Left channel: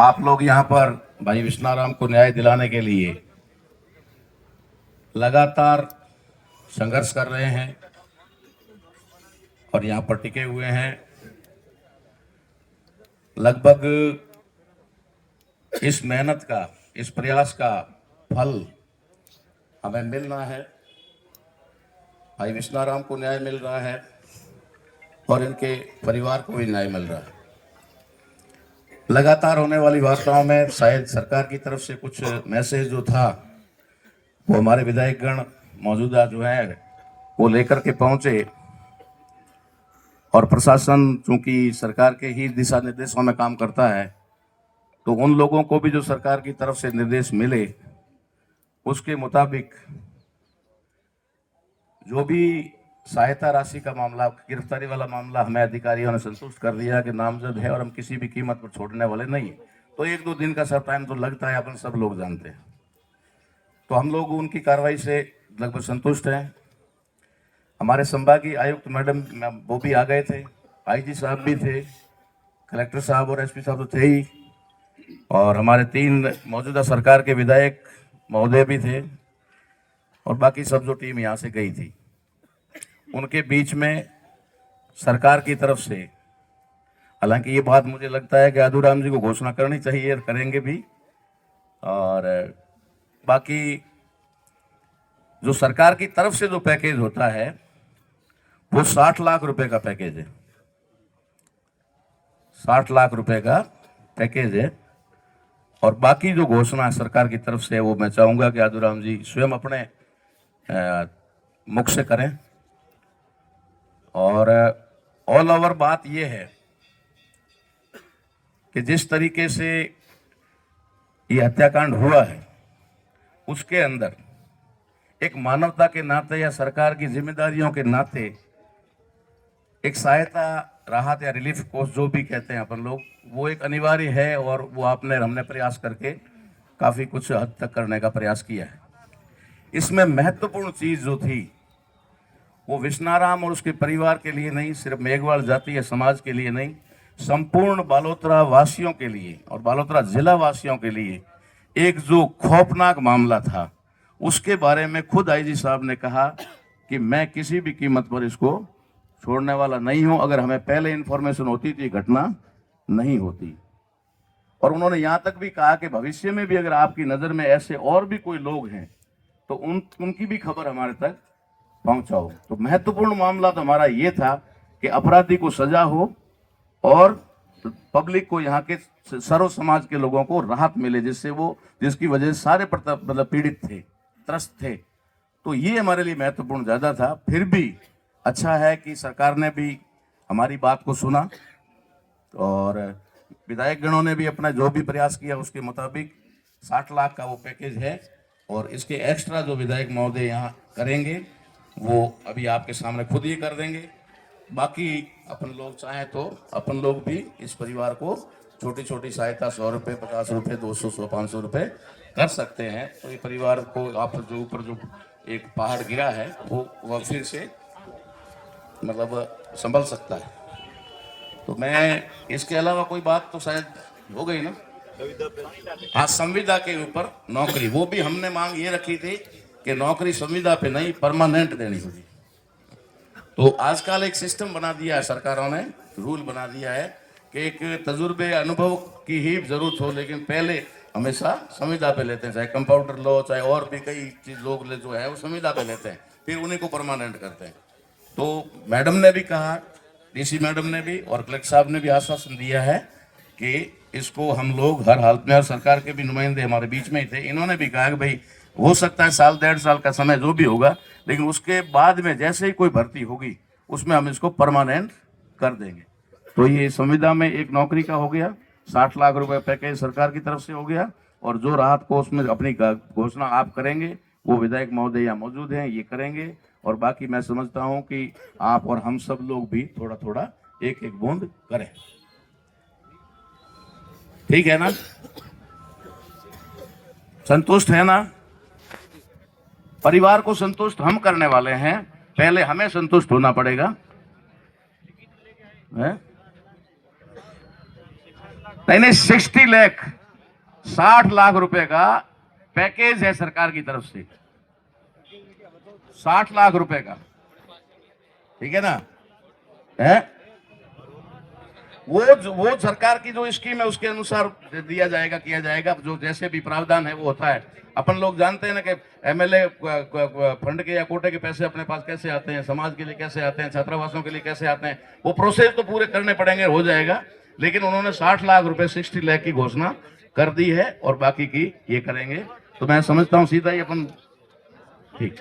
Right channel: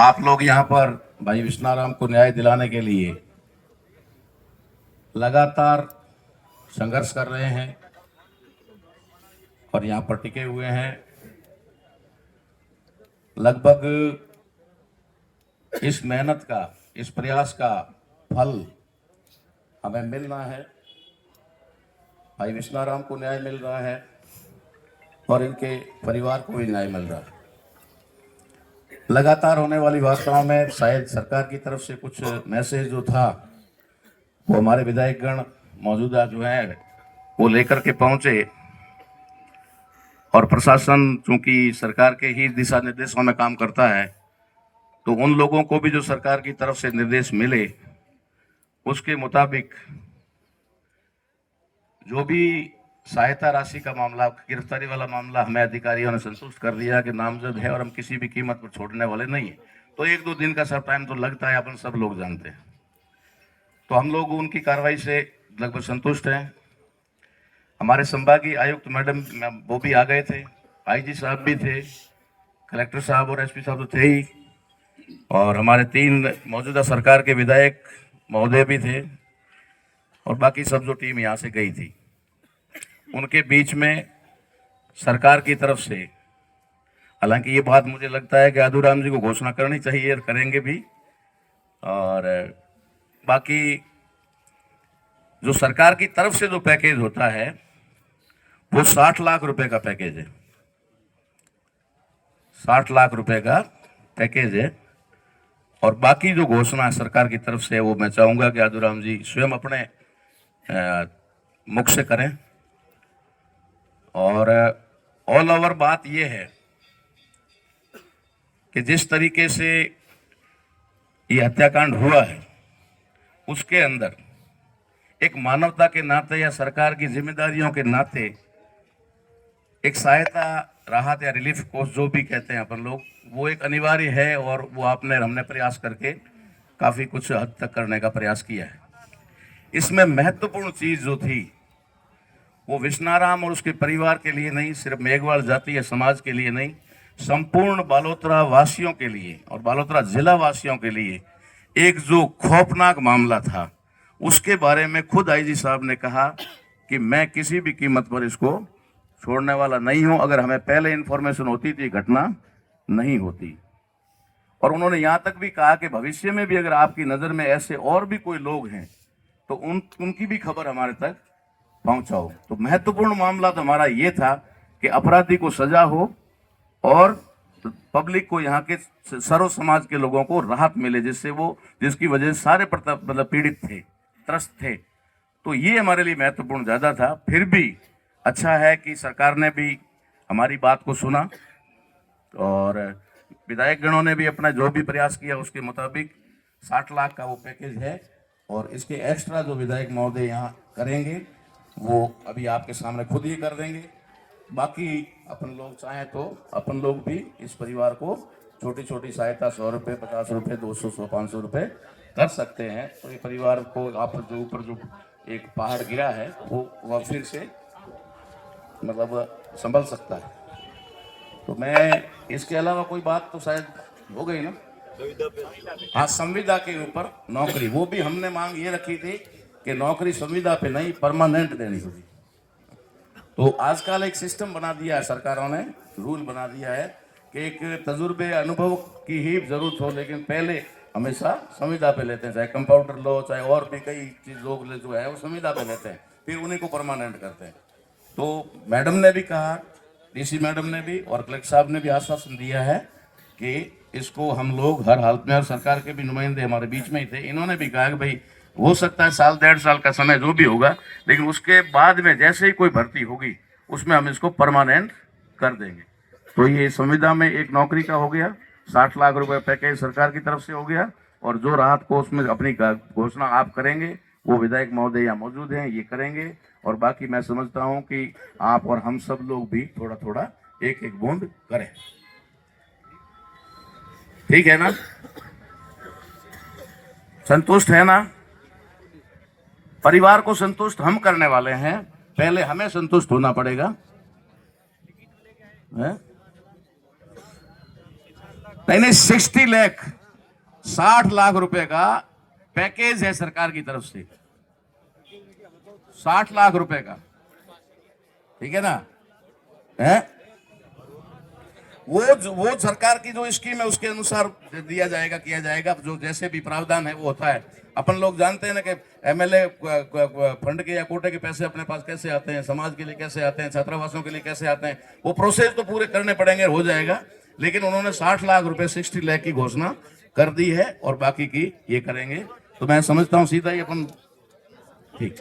आप लोग यहाँ पर भाई विश्नाराम को न्याय दिलाने के लिए लगातार संघर्ष कर रहे हैं और यहाँ पर टिके हुए हैं। लगभग इस मेहनत का, इस प्रयास का फल हमें मिलना है। भाई विश्नाराम को न्याय मिल रहा है और इनके परिवार को भी न्याय मिल रहा है। लगातार होने वाली वार्ताओं में शायद सरकार की तरफ से कुछ मैसेज जो था वो हमारे विधायकगण मौजूदा जो है वो लेकर के पहुंचे और प्रशासन चूंकि सरकार के ही दिशा निर्देशों में काम करता है तो उन लोगों को भी जो सरकार की तरफ से निर्देश मिले उसके मुताबिक जो भी सहायता राशि का मामला, गिरफ्तारी वाला मामला हमें अधिकारियों ने संतुष्ट कर दिया कि नामजद है और हम किसी भी कीमत पर छोड़ने वाले नहीं है। तो एक दो दिन का सब टाइम तो लगता है, अपन सब लोग जानते हैं। तो हम लोग उनकी कार्रवाई से लगभग संतुष्ट हैं। हमारे संभागीय आयुक्त मैडम वो भी आ गए थे, आईजी साहब भी थे, कलेक्टर साहब और एसपी साहब तो थे ही, और हमारे 3 मौजूदा सरकार के विधायक महोदय भी थे और बाकी सब जो टीम यहाँ से गई थी। उनके बीच में सरकार की तरफ से, हालांकि ये बात मुझे लगता है कि आदूराम जी को घोषणा करनी चाहिए और करेंगे भी, और बाकी जो सरकार की तरफ से जो पैकेज होता है वो 60 लाख रुपए का पैकेज है। 60 लाख रुपए का पैकेज है और बाकी जो घोषणा सरकार की तरफ से है वो मैं चाहूंगा कि आदूराम जी स्वयं अपने मुख से करें। और ऑल ओवर बात यह है कि जिस तरीके से ये हत्याकांड हुआ है उसके अंदर एक मानवता के नाते या सरकार की जिम्मेदारियों के नाते एक सहायता, राहत या रिलीफ कोर्स जो भी कहते हैं अपन लोग, वो एक अनिवार्य है और वो हमने प्रयास करके काफ़ी कुछ हद तक करने का प्रयास किया है। इसमें महत्वपूर्ण चीज़ जो थी वो विश्नाराम और उसके परिवार के लिए नहीं, सिर्फ मेघवाल जाति या समाज के लिए नहीं, संपूर्ण बालोतरा वासियों के लिए और बालोतरा जिला वासियों के लिए एक जो खौफनाक मामला था उसके बारे में खुद आईजी साहब ने कहा कि मैं किसी भी कीमत पर इसको छोड़ने वाला नहीं हूं। अगर हमें पहले इन्फॉर्मेशन होती तो ये घटना नहीं होती। और उन्होंने यहाँ तक भी कहा कि भविष्य में भी अगर आपकी नज़र में ऐसे और भी कोई लोग हैं तो उनकी भी खबर हमारे तक पहुंचाओ। तो महत्वपूर्ण मामला तो हमारा ये था कि अपराधी को सजा हो और पब्लिक को, यहाँ के सर्व समाज के लोगों को राहत मिले, जिसकी वजह से सारे मतलब पीड़ित थे, त्रस्त थे। तो ये हमारे लिए महत्वपूर्ण ज़्यादा था। फिर भी अच्छा है कि सरकार ने भी हमारी बात को सुना और विधायक गणों ने भी अपना जो भी प्रयास किया उसके मुताबिक 60 लाख का वो पैकेज है और इसके एक्स्ट्रा जो विधायक महोदय यहाँ करेंगे वो अभी आपके सामने खुद ही कर देंगे। बाकी अपन लोग चाहें तो अपन लोग भी इस परिवार को छोटी छोटी सहायता 100 रुपये, 50 रुपये, 200, 100, 500 रुपये कर सकते हैं। तो ये परिवार को आप जो ऊपर जो एक पहाड़ गिरा है वो फिर से मतलब संभल सकता है। तो मैं इसके अलावा कोई बात तो शायद हो गई ना। हाँ, संविदा के ऊपर नौकरी, वो भी हमने मांग ये रखी थी कि नौकरी संविदा पे नहीं परमानेंट देनी होगी। तो आजकल एक सिस्टम बना दिया है सरकारों ने, रूल बना दिया है कि एक तजुर्बे अनुभव की ही जरूरत हो, लेकिन पहले हमेशा संविदा पे लेते हैं, चाहे कंपाउंडर लो चाहे और भी कई चीज लोग जो है वो संविदा पे लेते हैं, फिर उन्हीं को परमानेंट करते हैं। तो मैडम ने भी कहा, डीसी मैडम ने भी और कलेक्टर साहब ने भी आश्वासन दिया है कि इसको हम लोग हर हालत में, और सरकार के भी नुमाइंदे हमारे बीच में ही थे, इन्होंने भी कहा कि भाई हो सकता है 1 1.5 साल का समय जो भी होगा, लेकिन उसके बाद में जैसे ही कोई भर्ती होगी उसमें हम इसको परमानेंट कर देंगे। तो ये संविदा में एक नौकरी का हो गया, 60 लाख रुपए पैकेज सरकार की तरफ से हो गया, और जो राहत को उसमें अपनी घोषणा आप करेंगे वो विधायक महोदय यहाँ मौजूद हैं, ये करेंगे। और बाकी मैं समझता हूँ कि आप और हम सब लोग भी थोड़ा थोड़ा एक एक बूंद करें। ठीक है ना? संतुष्ट है ना? परिवार को संतुष्ट हम करने वाले हैं, पहले हमें संतुष्ट होना पड़ेगा। है? नहीं 60 लाख 60 लाख रुपए का पैकेज है सरकार की तरफ से, 60 लाख रुपए का, ठीक है ना? है वो सरकार की जो स्कीम है उसके अनुसार दिया जाएगा, किया जाएगा, जो जैसे भी प्रावधान है वो होता है। अपन लोग जानते हैं ना कि एमएलए फंड के या कोटे के पैसे अपने पास कैसे आते हैं, समाज के लिए कैसे आते हैं, छात्रावासों के लिए कैसे आते हैं, वो प्रोसेस तो पूरे करने पड़ेंगे, हो जाएगा। लेकिन उन्होंने 60 लाख रुपए 60 लाख की घोषणा कर दी है और बाकी की ये करेंगे। तो मैं समझता हूं सीधा ही अपन ठीक